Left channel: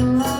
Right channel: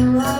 Thank you.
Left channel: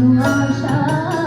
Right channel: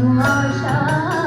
我唱